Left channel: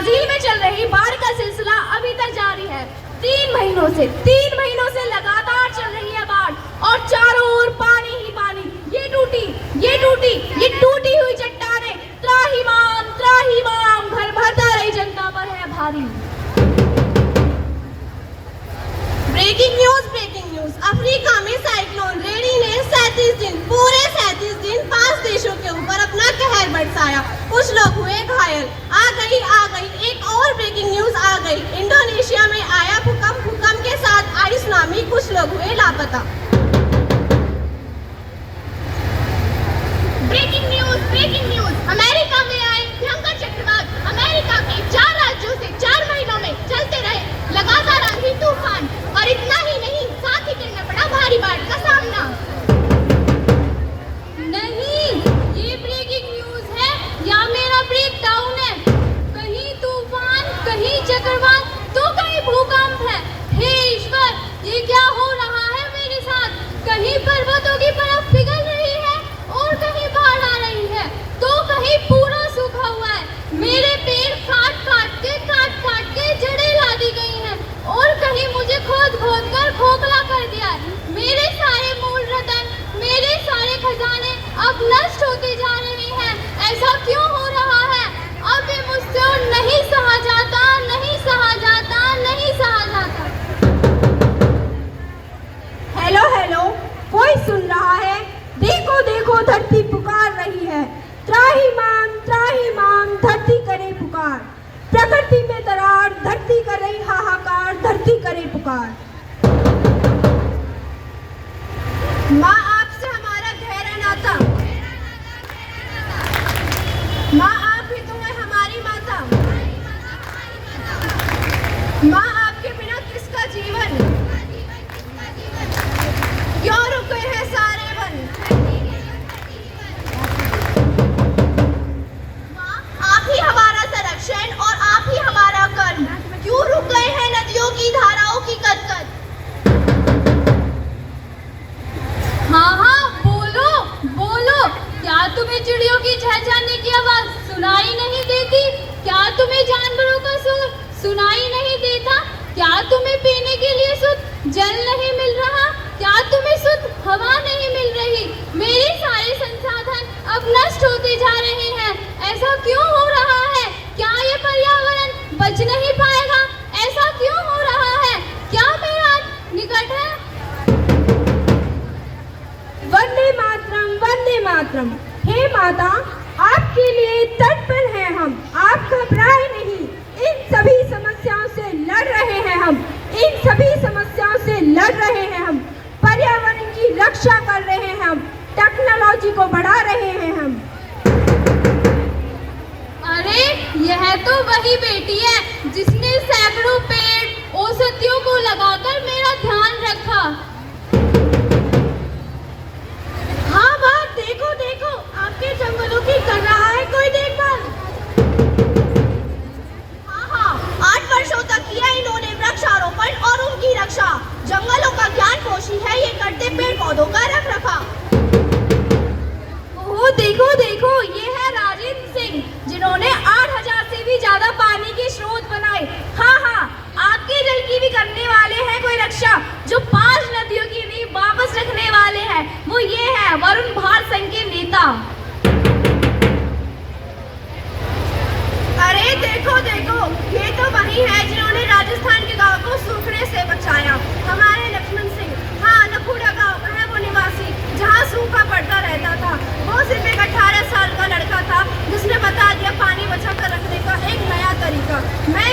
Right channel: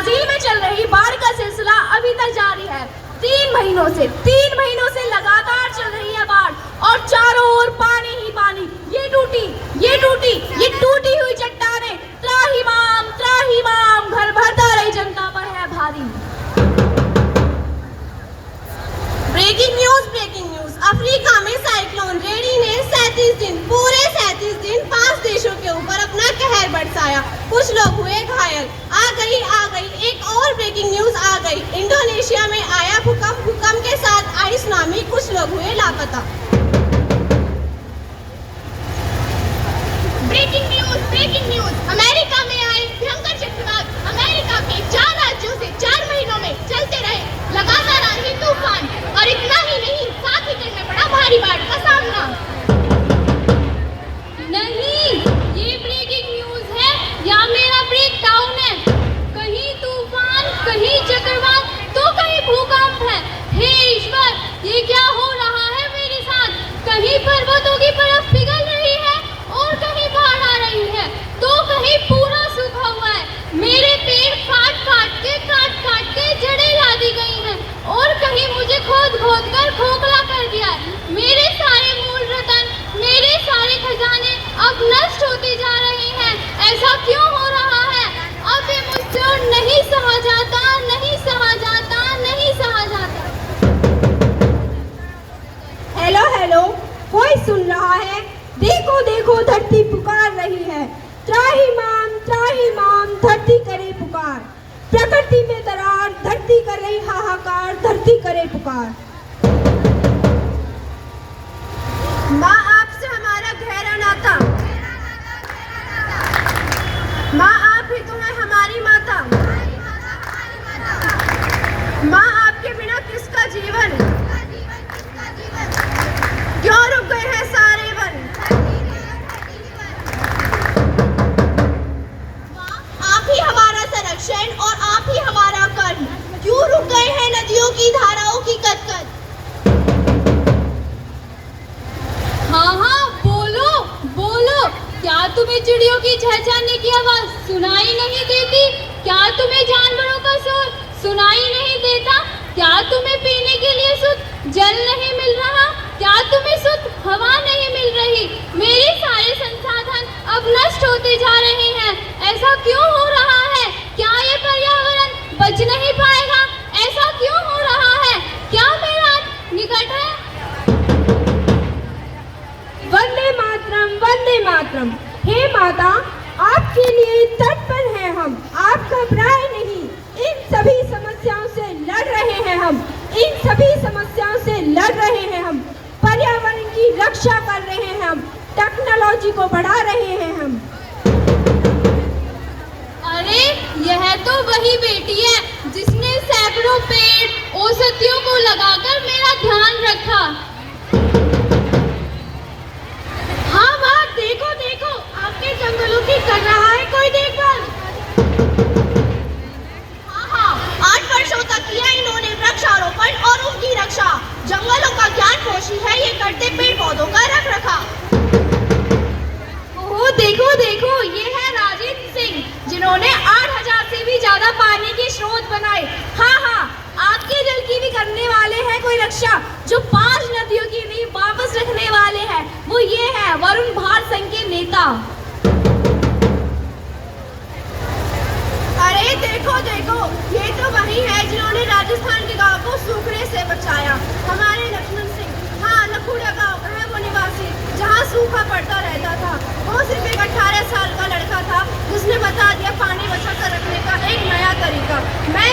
Brazil में चल रही बाढ़ का सिलसिला अभी तक जारी है। 3 महीनों से लगातार चल रही है बाढ़ और चारों ओर पानी ही पानी। ये टूटी हुई चट्टानें त्राहिमाम घर भरता रही जनता पर है भारी। Breaking news. अफ्रीका में साइक्लोन रेडी ने 37 दिन 5 देशों के ऊपर अपना कहर बरसाया। कुछ लोग हुए घायल। आ गई एक और ब्रेकिंग न्यूज आ गई। इंडोनेशिया में आया भूकंप के साथ आई सुनामी। कुछ लोग हुए लापता। ब्रेकिंग न्यूज अमेरिका में आई भयंकर चक्रवात। अमेरिका के 4 राज्यों से 4 महीनों में चलते रहे लगातार आंधी तूफान, और इतना ही नहीं, साथ ही करना पड़ा भारी बाढ़ का सामना। नहीं, ये ब्रेकिंग न्यूज है या मेरा ब्रेक डाउन है। कहीं तूफान, कहीं चक्रवात, तो कहीं भूकंप है। हे ईश्वर, ये क्या हो रहा है मेरे साथ? कहीं पर्वतों की बर्फ पिघल रही है और कहीं बाढ़ आ रही है, तो कहीं पूरा सूखा हुआ है। मेरे पेड़ काट के जड़ें ला दी गई हैं, और कहीं मुझे खोद कर खोखला कर दिया है। मेरे सारे मूल रतन, मेरे सारे खजाने अब नष्ट होते जा रहे हैं। ऐसा क्यों हो रहा है? अब ये मुझसे नहीं सहा जाता। हेलो, कोई सुन रहा है? देखो धरती पुकार रही है। त्राहिमाम धरती करे पुकार। प्रकृति में दरार, धरती कर रही हाहाकार, धरती करे पुकार। माँ आपसे हमारा गहरा नाता, माँ आप ही तो है हमारी माता। माँ आपके बिना किसका जीवन? क्यों रुक गए हैं सारे वन? माँ आप ही हमारा संरक्षण और आप ही हमारा कर्म। क्यों रुक गए हैं नदियों की धाराओं की कद-कद? हाँ, बोलो। क्या तुम्हें चिड़ियों की चहचहाने की आवाज सुनाई नहीं देती? क्या तुम्हें जानवरों का शोर सुनाई नहीं देता? क्या तुम्हें पीने के लिए शुद्ध जल नहीं मिल रहा? क्या तुम्हें शुद्ध हवा नहीं मिल रही? मेरे सारे संसाधन अब नष्ट होते जा रहे हैं। ऐसा क्यों हो रहा है? क्या ये पर्यावरण बच नहीं पाएगा? ऐसा क्यों हो रहा है? क्या मेरा अंत निकट है? वंदे मातरम। हे माता, आपके लिए तट पर हैं हम। आप घबराए नहीं। इन सभी समस्याओं से लड़ रहे हैं हम। पर्यावरण की रक्षा कर रहे हैं हम। टेक्नोलॉजी को बढ़ा रहे हैं हम। अरे, यह तो वही बेटी है जिसने सैकड़ों पेड़ औषधियों को लगाकर मेरा ध्यान रखा। हाँ वाह, देखो आपके जंगलों की कर रहा है कोई देखभाल। हाँ, 8 वर्षों तक किया इन्होंने वृक्षारोपण और उनकी रक्षा। जंगलों का ज्ञान पोषी है ये, करते पेड़ पौधों का रख रखाव। ओह देखो, ये है राजेंद्र सिंह, जिन्होंने 8000 से भी ज्यादा पानी के स्रोत बनाए। हाँ, आपके जल की भी करने वाले हैं कोई रक्षा। जो 5 नदियों की भी वापस रखने वाले हैं, वो ये है वरुण भार संघ के नेता। अरे देखो, ये तो वही है जिन्होंने राजस्थान के गांव को सूखने से बचाया। हमारे लक्ष्मण सिंह। हाँ, लखूड़ा गांव है वो निवासी, जहाँ सूखा पड़ता रहता था। वो सिर्फ एक 18 साल का लड़का था जिसने बता दिया पानी बचा कर रखने का एक नया तरीका। मैं